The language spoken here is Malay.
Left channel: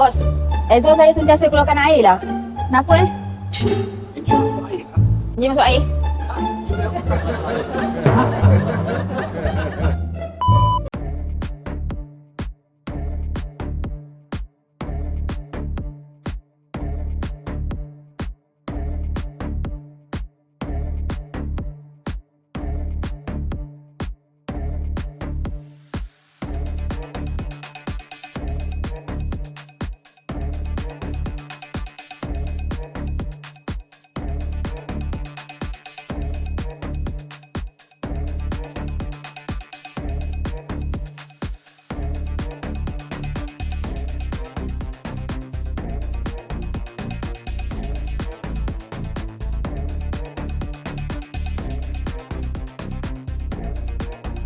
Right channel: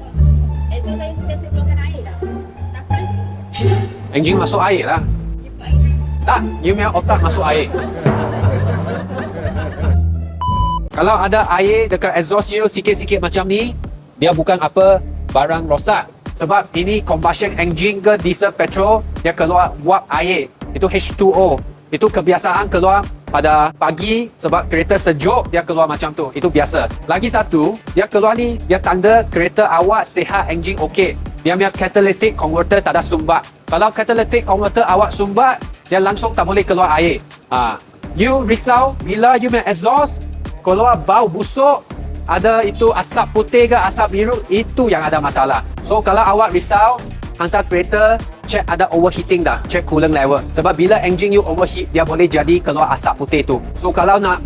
Bos, exhaust saya sentiasa keluarkan air lah. Kenapa Engine masuk air lah. Dia masuk air? Tak, you punya otak masuk air. Kalau ada air dekat exhaust you sikit-sikit macam ni, dia bukan apa barang rosak. Sebab ini combustion engine ke diesel petrol, dia keluar wap air. Itu H2O. Itu kebiasaan keluar pada pagi sebab kereta sejuk, dia keluar macam tu. Itu biasa. Lagi satu, dia keluar ni, dia tanda kereta awak sihat, engine okey. Dia punya catalytic converter tak ada sumbat. Kalau catalytic converter awak sumbat, dia langsung tak boleh keluar air. You risau bila you punya exhaust keluar bau busuk, ada itu asap putih ke asap biru, itu yang ada masalah. So kalau awak risau, hantar kereta, check ada overheating dah, check coolant level. Sebab bila engine you overheat, dia boleh jadi keluar asap putih tu. So kalau nak